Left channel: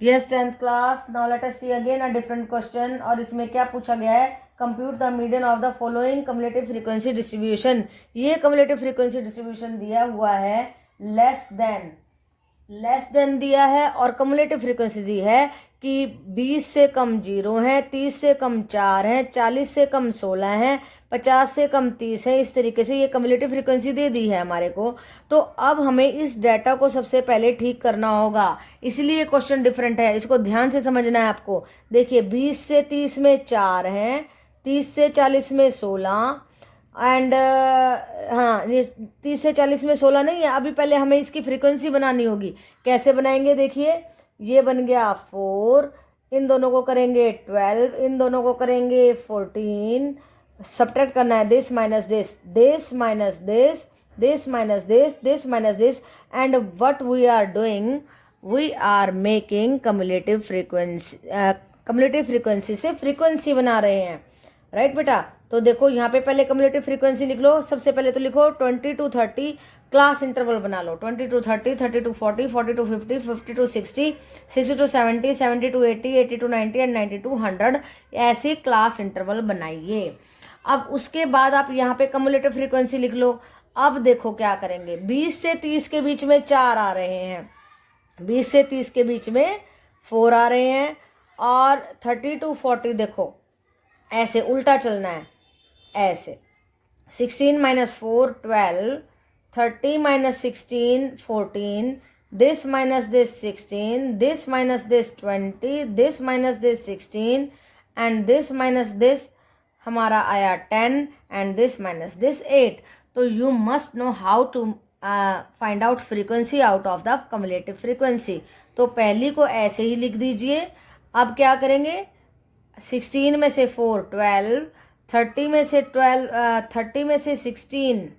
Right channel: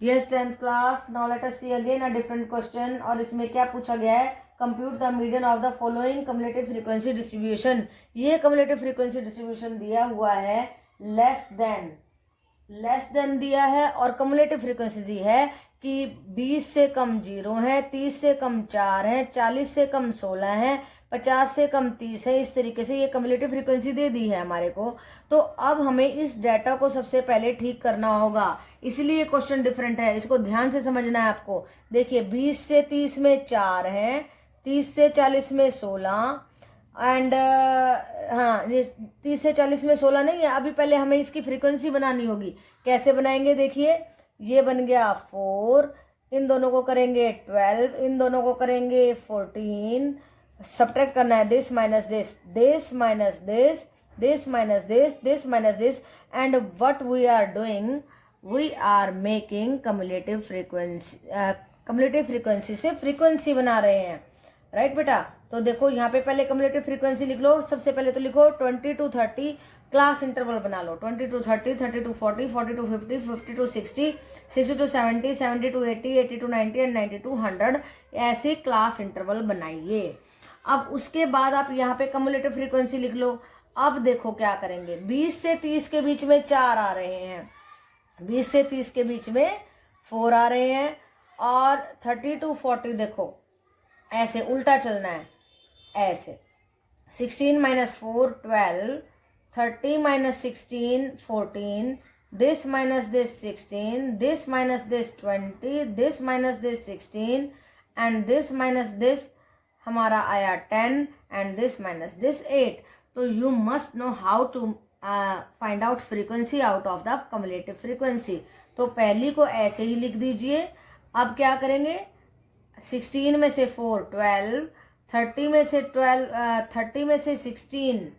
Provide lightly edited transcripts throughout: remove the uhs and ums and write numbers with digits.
Yes 10th class. Now let us see again a different question. और इसमें क्या पूछा गया है, compute the median of the following cumulative frequency distribution. ये कम्युलेटिव फ्रीक्वेंसी डिस्ट्रीब्यूशन दिया हुआ है लेस देन दिया है, और कम्युलेटिव फ्रीक्वेंसी दी है कि 20 से कम 0 है, 30 से कम 4 है, 40 से कम 16 है, 50 से कम 30 है। इस तरीके से ये कम्युलेटिव फ्रीक्वेंसी दे दी है हमारे को। तो अब हमें इस डाटा को सबसे पहले ठीक करना होगा, इसलिए क्वेश्चन डिफरेंट है, इसको ध्यान से समझना है आपको। देखिए 20 से 30 में 4 है, 30 से 40 में 16 एंड हाँ, ये 30 से 40 में 16 नहीं है। अभी पहले हमें इसकी फ्रीक्वेंसी बनानी होगी। कैसे बनाएंगे, देखिए ये बन गया 4, इन दोनों को करेंगे 12, इन दोनों को करेंगे 14, सब्ट्रैक्ट करना है this minus this, this minus this, this minus this, this minus this, and what we are doing, we are making cumulative frequency से फ्रीक्वेंसी बना रहे हैं। राइट बेटा, तो देखो यहाँ पे पहले कम्युलेटिव फ्रीक्वेंसी लिख लो। सबसे पहले तो लिखो 20 to 30, क्लास इंटरवल बना लो। 20 to 30, 30 to 40, 40 to 50, 50 to 60, 60 to 70, 70 to 80, 80 to 90 and 90 to 100, ऐसे क्लास इंटरवल बनाइए। अब उसके बाद आप यहाँ पे कम्युलेटिव फ्रीक्वेंसी लिख लो। अब देखो क्या करेंगे, 20 से 30 के बीच में 4 आ रहे हैं, 20 से 30 के बीच में 4 आ रहे हैं, और 30 to 40 देखो ऐसे उल्टा चलना है, ऐसे 16 minus 4 12, 30 minus 16 14, this minus this 16, this minus this 20, this minus this 16, and this minus this हमारा आया 10, and this minus this 8। तो you must know how to find out frequency out of the cumulative frequency। तो पहली को ऐसे ही लिख दीजिए। अब क्या करेंगे, 16 में से 4 12, 30 में से 12, 30 में से 16,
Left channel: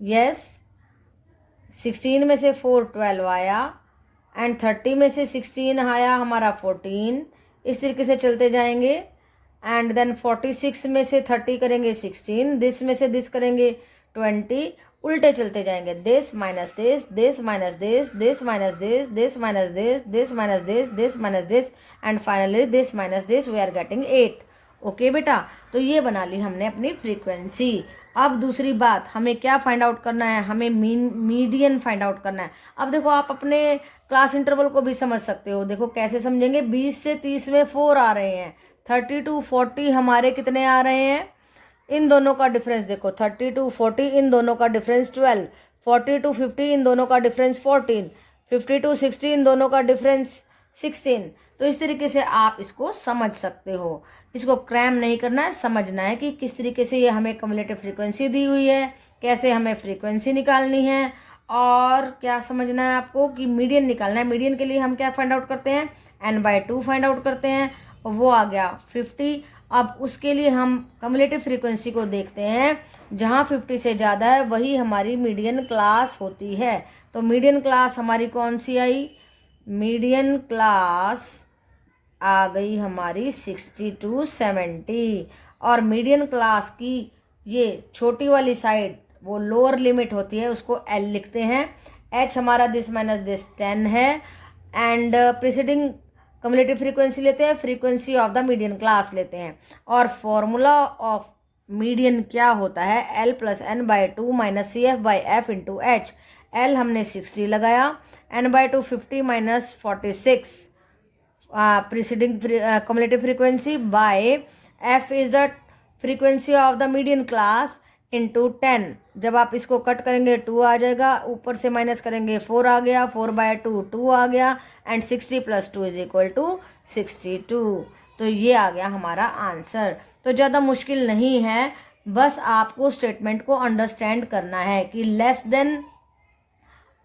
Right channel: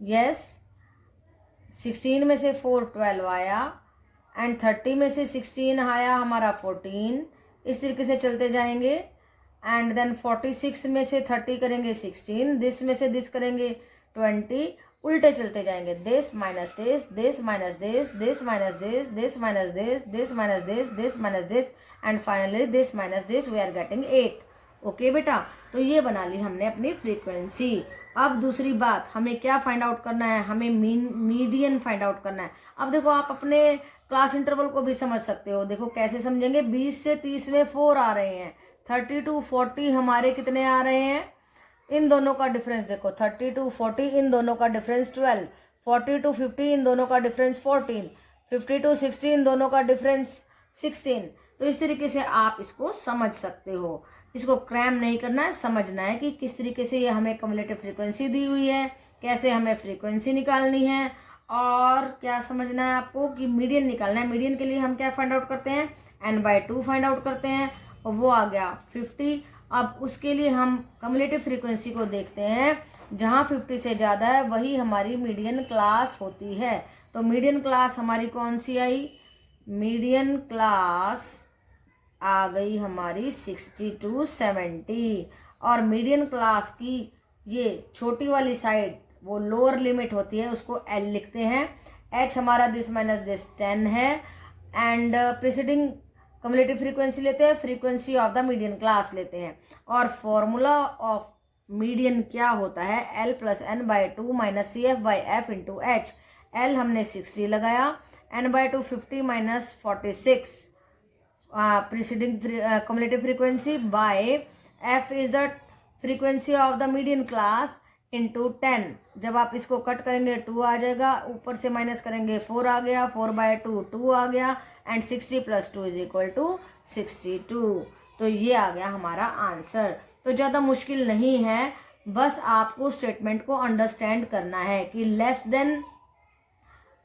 यस 16 में से 4 12 आया, एंड 30 में से 16 आया हमारा 14। इस तरीके से चलते जाएंगे, एंड देन 46 में से 30 करेंगे 16, दिस में से दिस करेंगे 20, उल्टे चलते जाएंगे, this minus this, this minus this, this minus this, this minus this, this minus this, this minus this, and finally this minus this, we are getting 8। Okay बेटा, तो ये बना ली हमने अपनी फ्रीक्वेंसी। अब दूसरी बात, हमें क्या फाइंड आउट करना है, हमें मीडियन फाइंड आउट करना है। अब देखो आप अपने क्लास इंटरवल को भी समझ सकते हो। देखो कैसे समझेंगे, 20 से 30 में 4 आ रहे हैं, 30 to 40 हमारे कितने आ रहे हैं, इन दोनों का डिफरेंस देखो, 30 to 40 इन दोनों का डिफरेंस 12, 40 to 50 इन दोनों का डिफरेंस 14, 50 to 60 इन दोनों का डिफरेंस 16। तो इस तरीके से आप इसको समझ सकते हो। इसको क्रैम नहीं करना है, समझना है कि किस तरीके से ये हमें कम्युलेटिव फ्रीक्वेंसी दी हुई है, कैसे हमें फ्रीक्वेंसी निकालनी है, और क्या समझना है आपको कि मीडियन निकालना है। मीडियन के लिए हम क्या फाइंड आउट करते हैं, n/2 फाइंड आउट करते हैं, और वो आ गया 50। अब उसके लिए हम कम्युलेटिव फ्रीक्वेंसी को देखते हैं, जहाँ 50 से ज़्यादा है वही हमारी मीडियन क्लास होती है। तो मीडियन क्लास हमारी कौन सी आई, मीडियन क्लास आ गई हमारी 60 to 70। और मीडियन क्लास की ये छोटी वाली साइड वो लोअर लिमिट होती है, उसको L लिखते हैं। H हमारा दिस माइनस दिस 10 है, एंड प्रीसीडिंग कम्युलेटिव फ्रीक्वेंसी लेते हैं, frequency of the median class लेते हैं। और फॉर्मूला ऑफ मीडियन क्या होता है, L + n/2 - CF/F × H। L हमने 60 लगाया, n/2 50 - 46 preceding cumulative frequency by F is the frequency of the median class into 10। जब आप इसको कट करेंगे 2 आ जाएगा, ऊपर से माइनस करेंगे 4 आ गया, 4/2 2 आ गया, एंड 60 + 2 = 62। तो ये आ गया हमारा आंसर। तो ज़्यादा मुश्किल नहीं है, बस आपको स्टेटमेंट को अंडरस्टैंड करना है कि लेस देन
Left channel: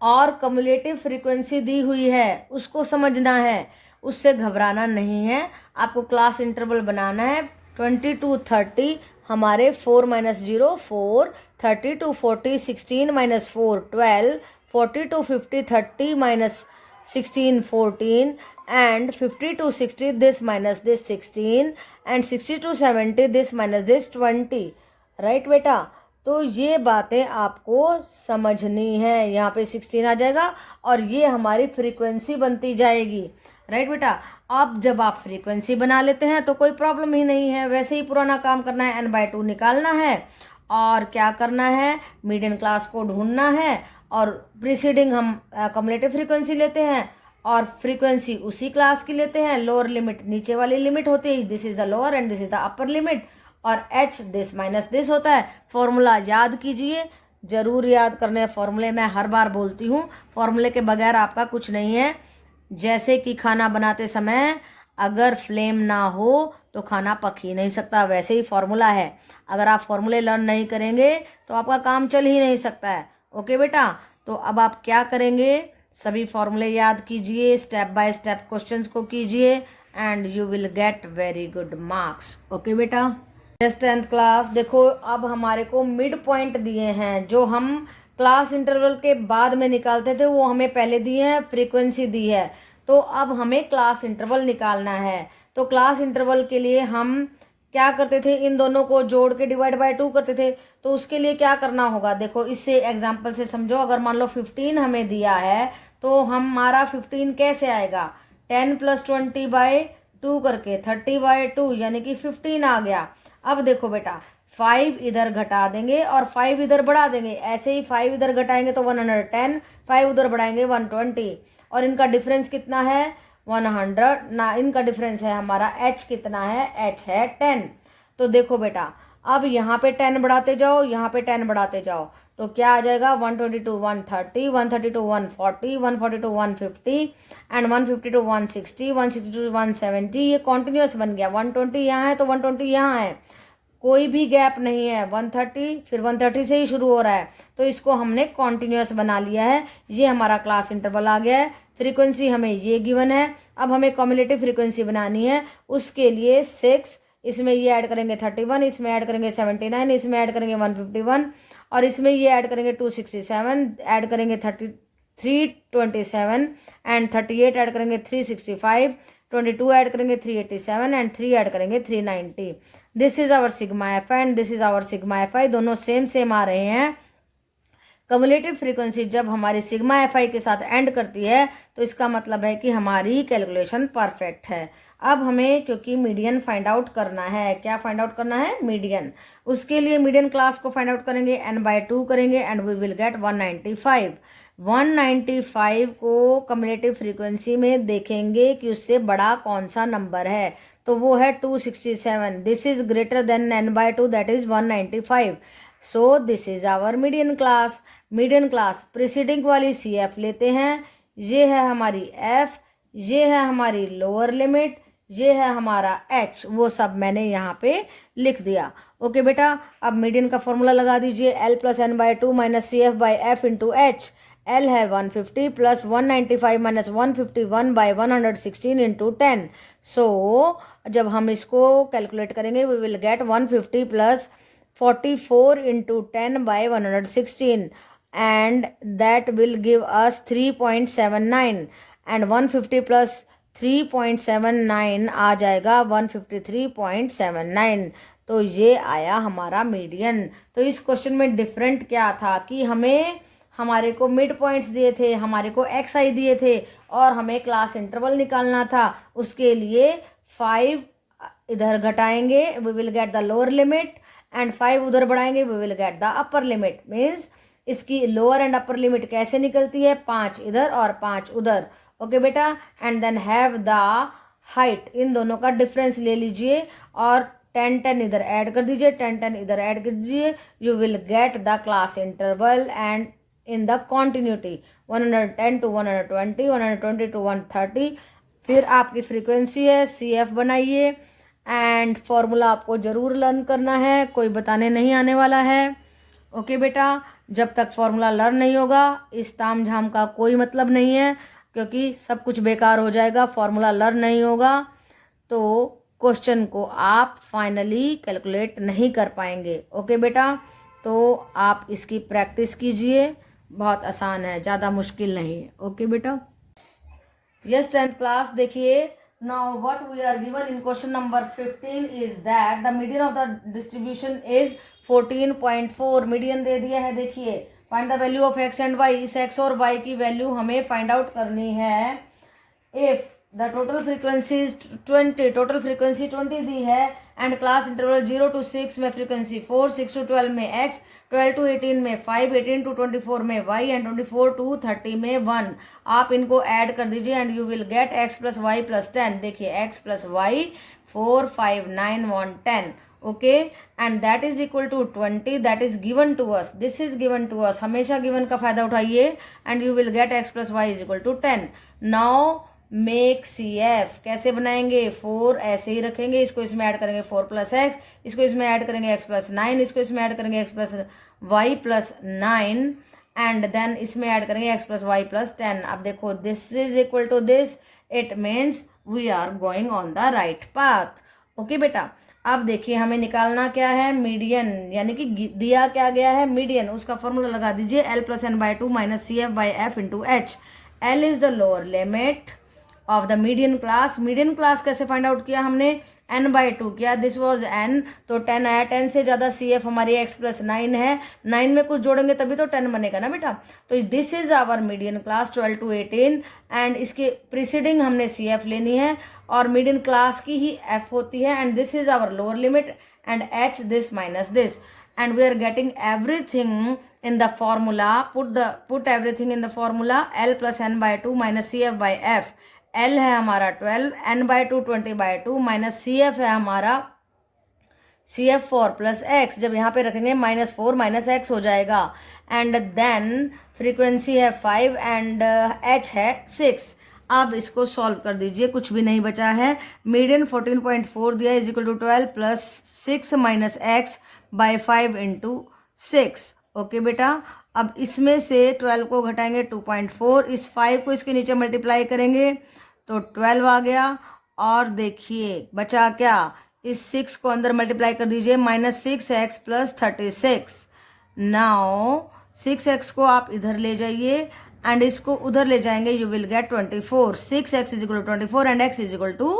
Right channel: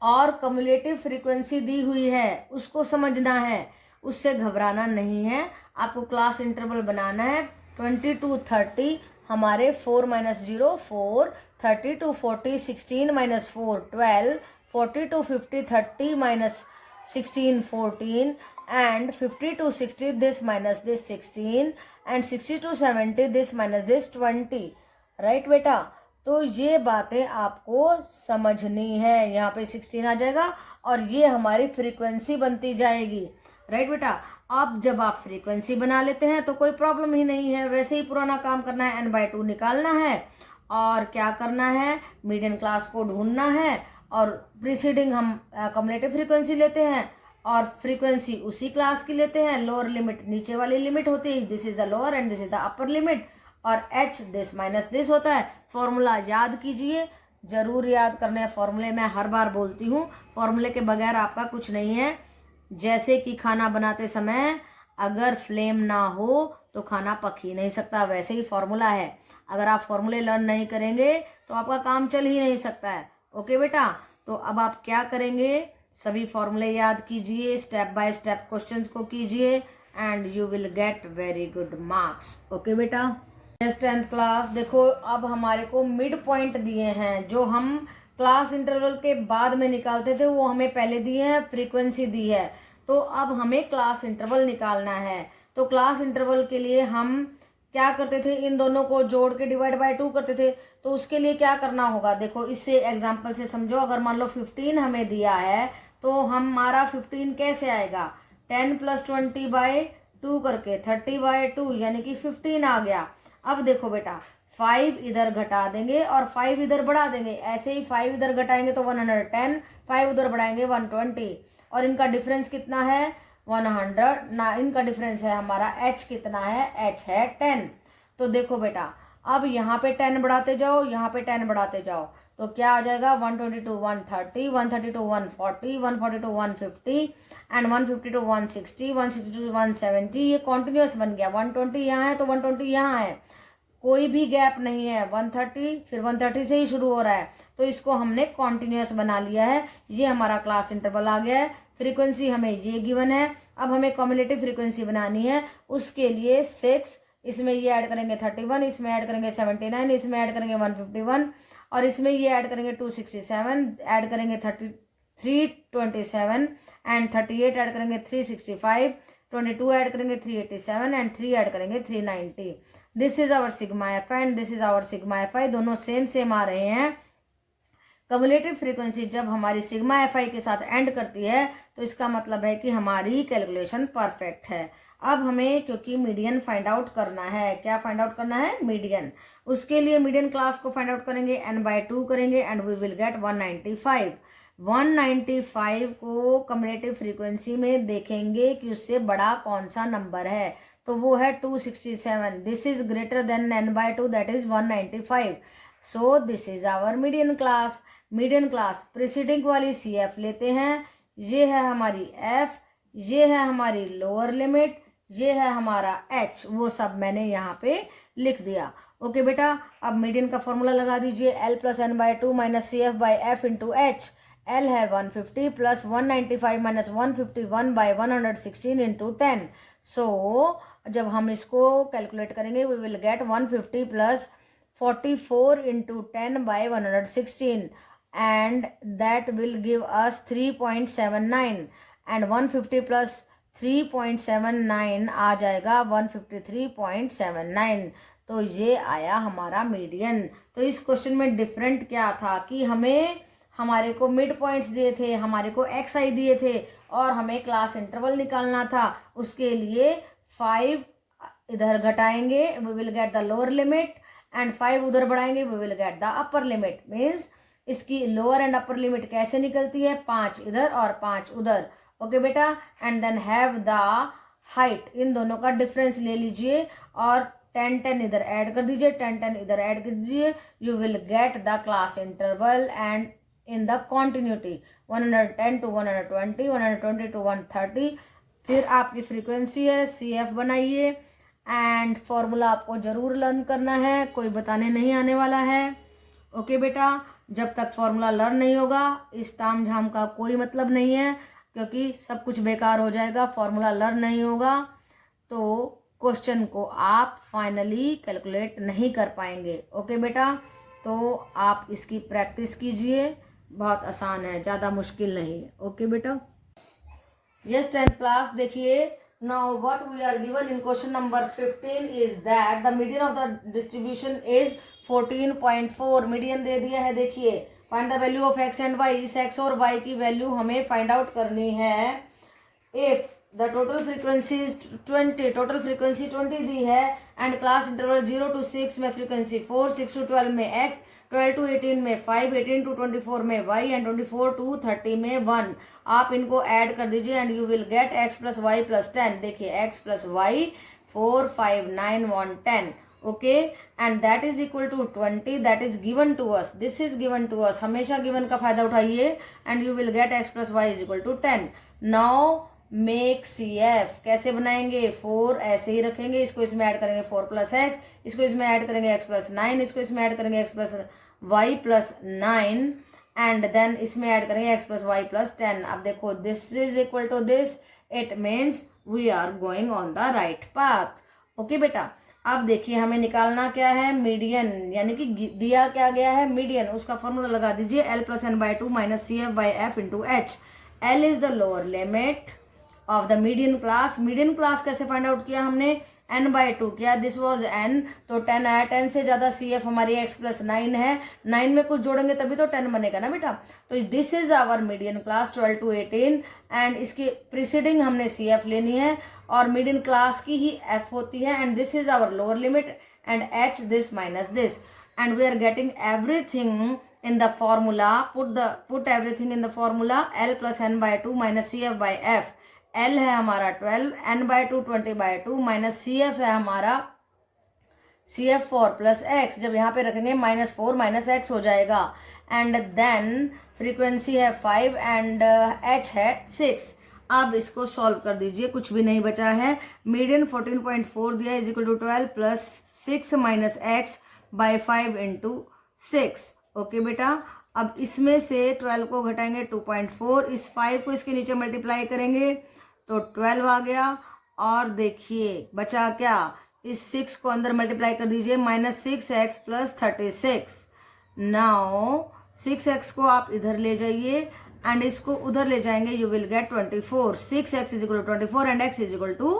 और कम्युलेटिव फ्रीक्वेंसी दी हुई है, उसको समझना है, उससे घबराना नहीं है। आपको क्लास इंटरवल बनाना है 20 to 30 हमारे 4 - 0 4, 30 to 40 16 - 4 12, 40 to 50 30 - 16 14, and 50 to 60 this minus this 16, and 60 to 70 this minus this 20। Right बेटा, तो ये बातें आपको समझनी है। यहाँ पे 16 आ जाएगा और ये हमारी फ्रीक्वेंसी बनती जाएगी। राइट बेटा, अब जब आप फ्रीक्वेंसी बना लेते हैं तो कोई प्रॉब्लम ही नहीं है। वैसे ही पुराना काम करना है, n/2 निकालना है और क्या करना है, मीडियन क्लास को ढूंढना है और प्रीसीडिंग हम कम्युलेटिव फ्रीक्वेंसी लेते हैं और फ्रीक्वेंसी उसी क्लास की लेते हैं। लोअर लिमिट नीचे वाली लिमिट होती है, this is the lower and this is the upper limit, और h दिस माइनस दिस होता है। फॉर्मूला याद कीजिए, जरूर याद करने फॉर्मूले। मैं हर बार बोलती हूँ, फॉर्मूले के बगैर आपका कुछ नहीं है। जैसे कि खाना बनाते समय अगर फ्लेम ना हो तो खाना पक ही नहीं सकता, वैसे ही फॉर्मूला है। अगर आप फॉर्मूले लर्न नहीं करेंगे तो आपका काम चल ही नहीं सकता है। ओके बेटा, तो अब आप क्या करेंगे, सभी फॉर्मूले याद कीजिए, स्टेप बाय स्टेप क्वेश्चंस को कीजिए and you will get very good marks. Okay बेटा, 10th क्लास देखो, अब हमारे को मिड पॉइंट दिए हैं जो हम क्लास इंटरवल के बाद में निकालते थे, वो हमें पहले दिए हैं, फ्रीक्वेंसी दी है। तो अब हमें क्लास इंटरवल निकालना है। तो क्लास इंटरवल के लिए हम क्या करते थे, इन दोनों को जोड़ के डिवाइड बाय 2 करते थे। तो उसके लिए क्या करना होगा, देखो इससे एग्जांपल से समझो। अगर मान लो 15 हमें दिया है तो हमारा 15 कैसे आएगा, 10 + 20/2 करके 30/2 यानी कि 15 आ गया। अब देखो बेटा, 5 इधर घटा देंगे और 5 इधर बढ़ा देंगे। ऐसे ही 5 इधर घटाएंगे तो 110, 5 उधर बढ़ाएंगे 120, और इनका डिफरेंस कितना है, 100 ना। इनका डिफरेंस है हमारा h कितना है, h है 10। तो देखो बेटा, अब यहाँ पे 10 बढ़ाते जाओ, यहाँ पे 10 बढ़ाते जाओ, तो क्या आ जाएगा, 122 130, 132 140, 142 150 एंड 152 160, 162 170। ये कॉन्टिन्यूस बन गया। 120 यहाँ है तो 120 यहाँ है, कोई भी गैप नहीं है। 130 फिर 130 से ही शुरू हो रहा है, तो इसको हमने कॉन्टिन्यूस बना लिया है। ये हमारा क्लास इंटरवल आ गया है। फ्रीक्वेंसी हमें ये गिवन है। अब हमें कम्युलेटिव फ्रीक्वेंसी बनानी है, उसके लिए 6, इसमें ये ऐड करेंगे 31, इसमें ऐड करेंगे 79, इसमें ऐड करेंगे 151 और इसमें ये ऐड करेंगे 267, ऐड करेंगे 327 एंड 38 ऐड करेंगे 365, 22 ऐड करेंगे 387 एंड 3 ऐड करेंगे 390। This is our sigma f and this is our sigma f i, दोनों सेम आ रहे हैं। कम्युलेटिव फ्रीक्वेंसी जब हमारी सिग्मा एफ आई के साथ एंड करती है तो इसका मतलब है कि हमारी कैलकुलेशन परफेक्ट है। अब हमें क्योंकि मीडियन फाइंड आउट करना है, क्या फाइंड आउट करना है, मीडियन। उसके लिए मीडियन क्लास को फाइंड आउट करेंगे, n/2 करेंगे एंड वी विल गेट 195। 195 को कम्युलेटिव फ्रीक्वेंसी में देखेंगे कि उससे बड़ा कौन सा नंबर है, तो वो है 267। This is greater than n/2 that is 195। So this is our median class. Median class preceding वाली CF लेते हैं, ये है हमारी F, ये है हमारी लोअर लिमिट, ये है हमारा H, वो सब मैंने यहाँ पे लिख दिया। ओके बेटा, अब मीडियन का फॉर्मूला लगा दीजिए, L + n/2 - CF/F × H। L है 150 + 195 - 151/116 × 10। सो जब हम इसको कैलकुलेट करेंगे we will gate 150 + 44 × 10/116 and that will give us 3.79 and 150 plus 3.79 आ जाएगा 153.79। तो ये आया हमारा मीडियन। तो इस क्वेश्चन में डिफरेंट क्या था कि हमारे को मिड पॉइंट्स दिए थे, हमारे को XI दिए थे और हमें क्लास इंटरवल निकालना था। उसके लिए 5 इधर घटाएंगे we will get the lower limit and 5 उधर बढ़ाएंगे we will get the upper limit. Means इसकी लोअर एंड अपर लिमिट कैसे निकलती है, 5 इधर और 5 उधर। ओके बेटा, and then have the height, इन दोनों का डिफरेंस ले लीजिए और 10 इधर ऐड कर दीजिए, 10 इधर ऐड कर दीजिए, you will get the class interval and in the continuity 110 to 120, 120 to 130। फिर आपकी फ्रीक्वेंसी है, CF बनाइए एंड फॉर्मूला आपको जरूर लर्न करना है, कोई बताने नहीं आने वाला है। ओके बेटा, जब तक फॉर्मूला लर्न नहीं होगा इस ताम झाम का कोई मतलब नहीं है, क्योंकि सब कुछ बेकार हो जाएगा। फॉर्मूला लर्न नहीं होगा तो क्वेश्चन को आप फाइनली कैलकुलेट नहीं कर पाएंगे। ओके बेटा, तो आप इसकी प्रैक्टिस कीजिए, बहुत आसान है, ज़्यादा मुश्किल नहीं है। ओके बेटा, यस 10th क्लास देखिए, Now what we are given in question number 15 is that the median of the distribution is 14.4. Median दे दिया है, देखिए find the value of x and y. इस x और y की वैल्यू हमें find out करनी है. If the total frequency is 20, total frequency 20 दी है एंड क्लास इंटरवल 0 to 6 में फ्रीक्वेंसी 4, 6 to 12 में x, 12 to 18 में 5, 18 to 24 में y एंड 24 to 30 में 1. आप इनको ऐड कर दीजिए and you will get x plus y plus 10. देखिए x plus y 4, 5, 9, 1, 10. Okay, and that is equal to 20. That is given to us, this is given to us. हमेशा given का फायदा उठाइए and you will get x plus y is equal to 10. Now make CF. कैसे बनाएंगे? 4 ऐसे ही रखेंगे, इसको इसमें ऐड करेंगे 4 प्लस एक्स, इसको इसमें ऐड करेंगे x प्लस 9, इसको इसमें ऐड करेंगे x plus y plus 9 and then इसमें ऐड करेंगे x प्लस वाई प्लस 10. अब देखो this is equal to this, it means we are going on the right path. Okay बेटा, अब देखिए हमें निकालना क्या है? मीडियन, यानी कि दिया क्या गया है? मीडियन. उसका फॉर्मूला लगा दीजिए L plus n by 2 minus CF by F into H. L is the lower limit of the median class. Median class कैसे फाइंड आउट किया हमने? n बाई 2 किया, दिस वॉज n, तो 10 आया. 10 से ज्यादा CF हमारी x प्लस 9 है. 9 में कुछ जोड़ेंगे तभी तो 10 बनेगा ना बेटा. तो this is our median class 12 to 18 and इसके प्रीसीडिंग हमने CF लेनी है और मीडियन क्लास की ही F होती है and this is our lower limit and H this minus this and we are getting everything in the formula. Put everything in the formula. L plus n by 2 minus CF by F. L है हमारा 12, n by 2 20 by 2 minus CF है हमारा CF 4 plus x. जब यहाँ पे रखेंगे minus 4 minus x हो जाएगा एंड देन फ्रीक्वेंसी है 5 एंड h है 6. अब इसको सॉल्व कर दीजिए, कुछ भी नहीं बचा है. मीडियन 14.4 दिया is equal to 12 plus 6 minus x by 5 into 6. Okay बेटा, अब इसमें से 12 को घटाएंगे 2.4, इस 5 को इसके नीचे मल्टीप्लाई करेंगे तो 12 आ गया. और देखिए बचा क्या? इस 6 को अंदर मल्टीप्लाई कर दीजिए, minus 6x plus 36. Now 6x को आप इधर ले जाइए एंड इसको उधर ले जाएंगे, you will get 24. 6x is equal to 24 and x is equal to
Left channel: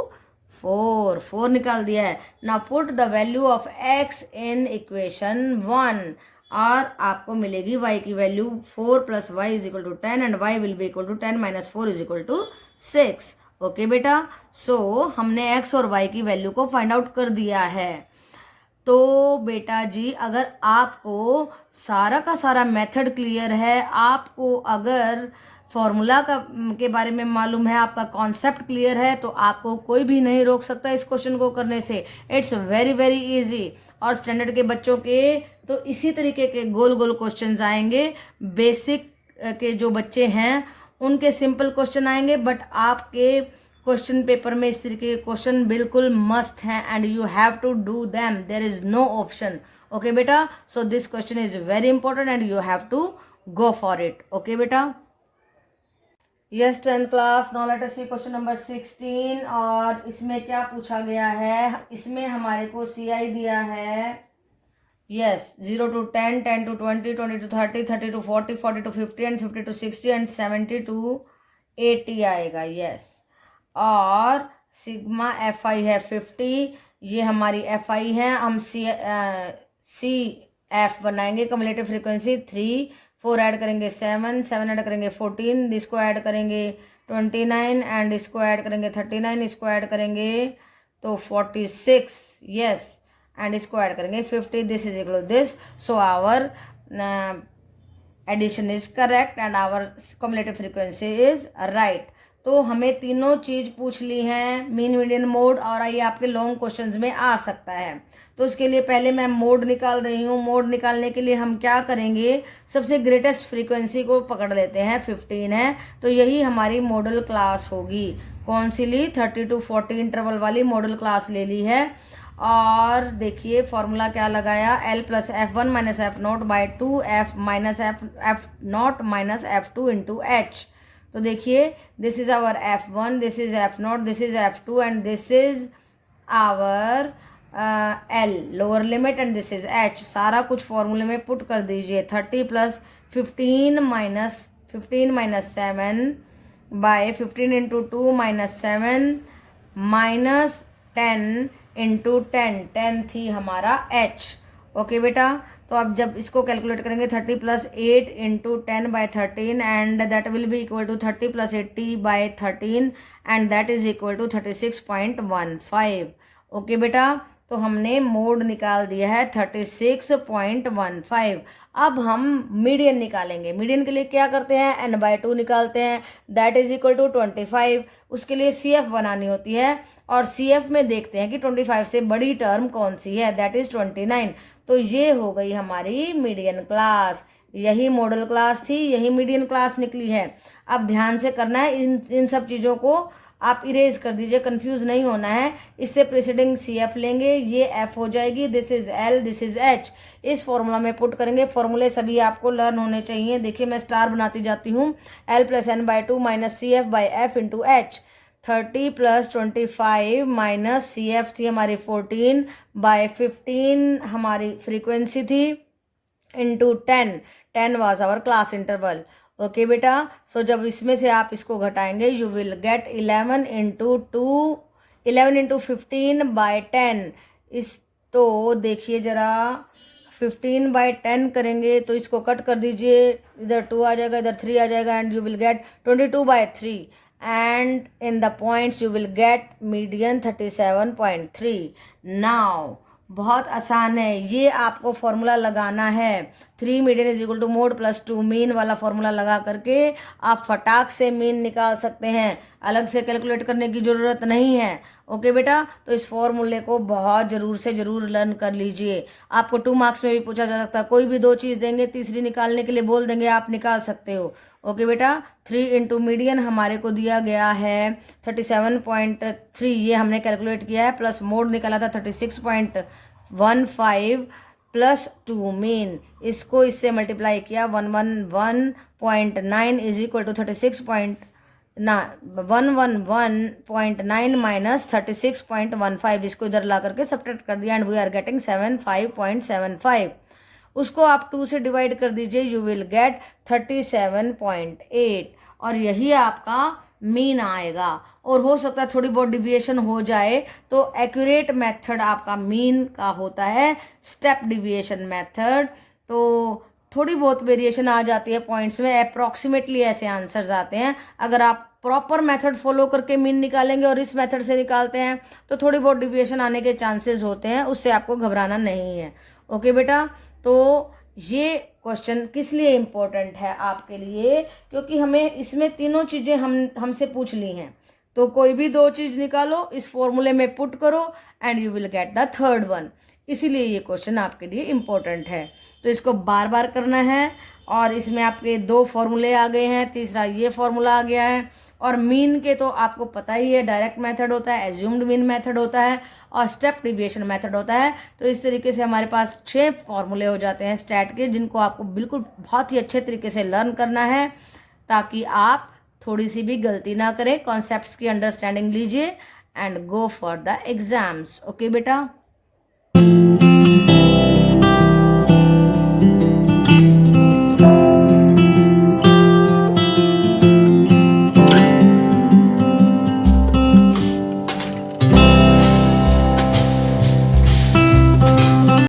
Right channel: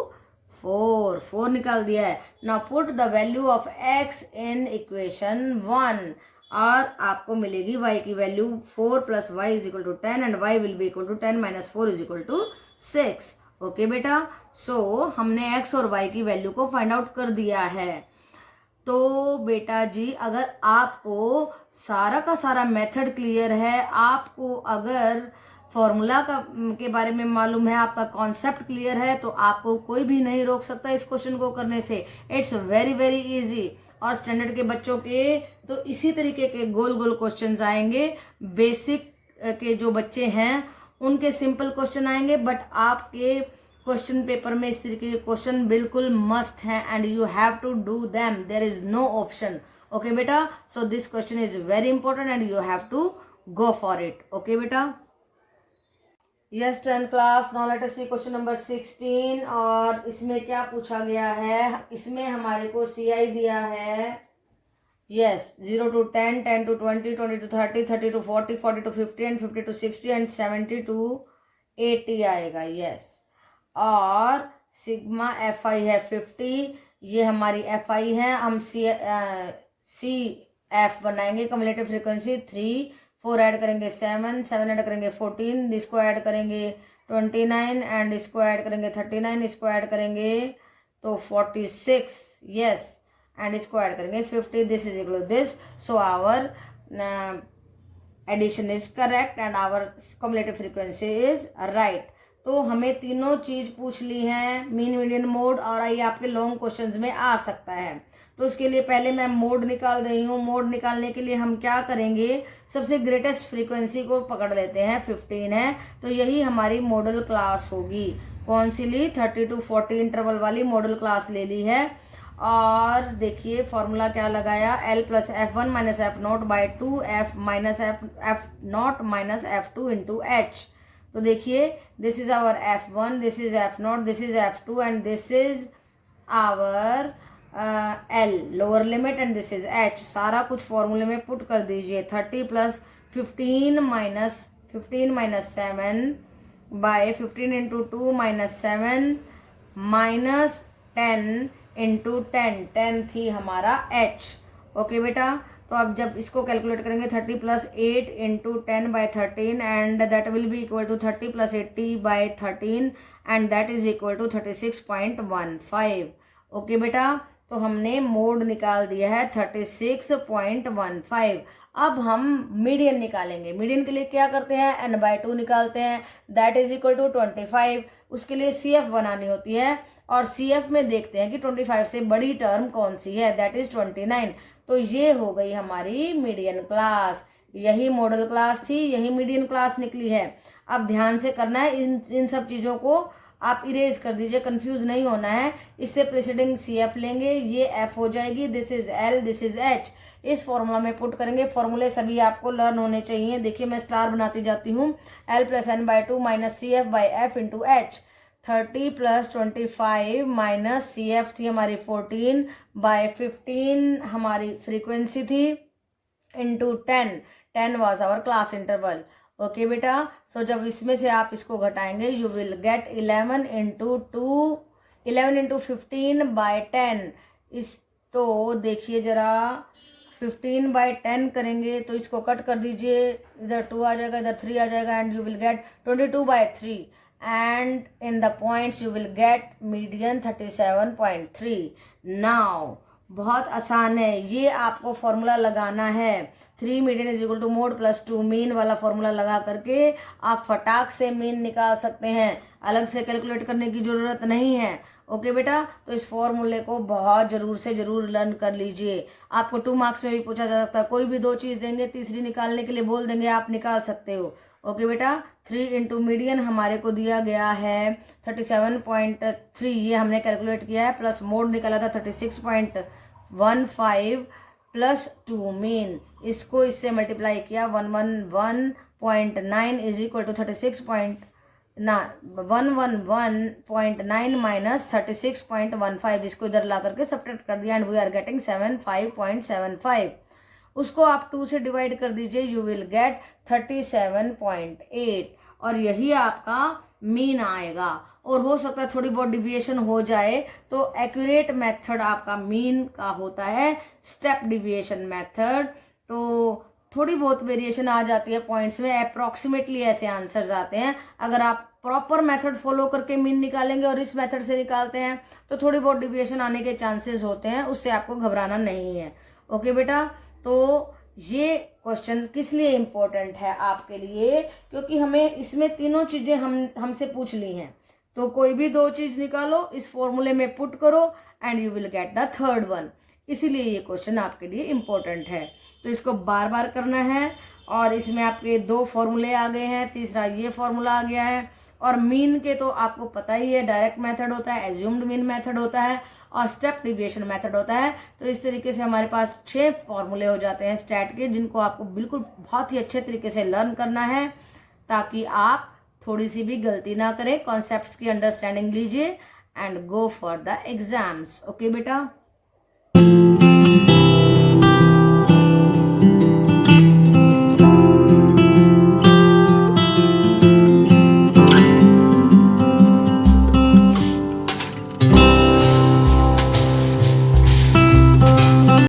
4 निकाल दिया है. Now put the value of x in equation 1 और आपको मिलेगी y की value 4 plus y is equal to 10 and y will be equal to 10 minus 4 is equal to 6. Okay बेटा, so हमने x और y की वैल्यू को फाइंड आउट कर दिया है. तो बेटा जी अगर आपको सारा का सारा मेथड क्लियर है, आपको अगर फॉर्मूला के बारे में मालूम है, आपका कॉन्सेप्ट क्लियर है, तो आपको कोई भी नहीं रोक सकता इस क्वेश्चन को करने से. It's very very easy. और स्टैंडर्ड के बच्चों के तो इसी तरीके के गोल गोल क्वेश्चंस आएंगे. बेसिक के जो बच्चे हैं उनके सिंपल क्वेश्चन आएंगे, बट आपके क्वेश्चन पेपर में इस तरीके के क्वेश्चन बिल्कुल मस्ट हैं and you have to do them. There is no option. Okay बेटा, so this question is very important and you have to go for it. Okay बेटा. Yes 10th class. Now let us see question number 16. और इसमें क्या पूछा गया है? इसमें हमारे को CI दिया है. Yes 0 to 10, 10 to 20, 20 to 30, 30 to 40, 40 to 50 and 50 to 60 and 70 to 80 आएगा. यस और सिग्मा FI है 50, ये हमारी FI है. हम CF बनाएंगे. कम्युलेटिव फ्रीक्वेंसी 3, 4 ऐड करेंगे 7, 7 ऐड करेंगे 14, इसको ऐड करेंगे 29 एंड इसको ऐड करेंगे 39, इसको ऐड करेंगे तो 46. यस एंड इसको ऐड करेंगे 50. This is equal to this. So our addition is correct and our cumulative frequency is right. तो हमें तीनों चीज पूछ ली है, मीन मीडियन मोड, और ये आपके लॉन्ग क्वेश्चंस में आ सकता है. तो उसके लिए पहले मैं मोड निकाल रही हूँ. मोड निकालने के लिए हम क्या करेंगे? सबसे ग्रेटेस्ट फ्रीक्वेंसी को पकड़ लेते हैं, 15 है, तो यही हमारी मॉडल क्लास होगी. कौन सी ली? 30 to 40 इंटरवल वाली मॉडल क्लास ले ली है. और देखिए फॉर्मूला क्या लगाया? L plus F1 minus F0 by 2 F minus F0 minus F2 into H. तो देखिए this is our F1, this is F0, this is F2 and this is our L lower limit and this is H. सारा कुछ फॉर्मूले में put कर दीजिए. 30 plus 15 minus 7 bye 15 into 2 minus 7 -10 × 10, 10 थी हमारा h। ओके बेटा, तो अब जब इसको कैलकुलेट करेंगे 30 + 8 × 10/13 and that will be equal to 30 + 80/13 and that is equal to 36.15। Okay बेटा, तो हमने मोड निकाल दिया है 36.15। अब हम मीडियन निकालेंगे। मीडियन के लिए क्या करते हैं, n/2 निकालते हैं, दैट इज इक्वल टू 25। उसके लिए CF बनानी होती है और CF में देखते हैं कि 25 से बड़ी टर्म कौन सी है, दैट इज 29। तो ये हो गई हमारी मीडियन क्लास। यही मॉडल क्लास थी, यही मीडियन क्लास निकली है। अब ध्यान से करना है, इन सब चीज़ों को आप इरेज कर दीजिए, कंफ्यूज नहीं होना है। इससे प्रेसिडिंग CF लेंगे, ये F हो जाएगी, this is L, this is H। इस फॉर्मूला में पुट करेंगे। फॉर्मूले सभी आपको लर्न होने चाहिए। देखिए मैं स्टार बनाती जाती हूँ। L + n/2 - CF/F × H। 30 + 25 - CF थी हमारी 14/15 हमारी फ्रीक्वेंसी थी, into 10 was our class interval. Okay बेटा, सो जब इसमें से आप इसको घटाएंगे यू विल गेट 11 × 15/10। इस तो देखिए जरा 15/10 करेंगे तो इसको कट कर दीजिए, इधर 2 आ जाएगा, इधर 3 आ जाएगा and you will get 22/3 and in the points you will get median 37.3। Now बहुत आसान है, ये आपको फॉर्मूला लगाना है। 3 median is equal to mode + 2 mean वाला फॉर्मूला लगा करके आप फटाक से मीन निकाल सकते हैं, अलग से कैलकुलेट करने की जरूरत नहीं है। ओके बेटा, तो इस फॉर्मूले को बहुत जरूर लर्न कर लीजिए। आपको 2 मार्क्स में भी पूछा जा सकता है, कोई भी 2 चीज देंगे, तीसरी निकालने के लिए बोल देंगे, आप निकाल सकते हो। ओके बेटा, 3 × मीडियन हमारे को दिया गया है 37.3, ये हमने कैलकुलेट किया है, प्लस मोड निकाला था 36.15 + 2 मीन, इसको इससे मल्टीप्लाई किया 111.9 इज इक्वल टू 111.9 - 36.15। इसको इधर ला करके सब्ट्रैक्ट कर दिया एंड वी आर गेटिंग 75.75। उसको आप 2 से डिवाइड कर दीजिए, यू विल गेट 37.8 और यही आपका मीन आएगा। और हो सकता है थोड़ी बहुत डिविएशन हो जाए, तो एक्यूरेट मेथड आपका मीन का होता है स्टेप डिविएशन मेथड। तो थोड़ी बहुत वेरिएशन आ जाती है पॉइंट्स में, अप्रोक्सीमेटली ऐसे आंसर्स आते हैं। अगर आप प्रॉपर मेथड फॉलो करके मीन निकालेंगे और इस मेथड से निकालते हैं तो थोड़ी बहुत डिविएशन आने के चांसेस होते हैं, उससे आपको घबराना नहीं है। ओके बेटा, तो ये क्वेश्चन किस लिए इम्पोर्टेंट है आपके लिए, क्योंकि हमें इसमें तीनों चीजें हमसे पूछ ली हैं। तो कोई भी 2 चीज निकालो, इस फॉर्मूले में पुट करो and you will get the third one. इसीलिए ये क्वेश्चन आपके लिए इम्पोर्टेंट है। तो इसको बार बार करना है और इसमें आपके 2 फॉर्मूले आ गए हैं, तीसरा ये फॉर्मूला आ गया है। और मीन के तो आपको पता ही है, डायरेक्ट मेथड होता है, एज्यूम्ड मीन मेथड होता है और स्टेप डिविएशन मेथड होता है। तो इस तरीके से हमारे पास 6 फॉर्मूले हो जाते हैं स्टैट के, जिनको आपको बिल्कुल बहुत ही अच्छे तरीके से लर्न करना है ताकि आप थोड़ी सी भी गलती ना करें। कॉन्सेप्ट्स की अंडरस्टैंडिंग लीजिए and go for the exams. Okay बेटा।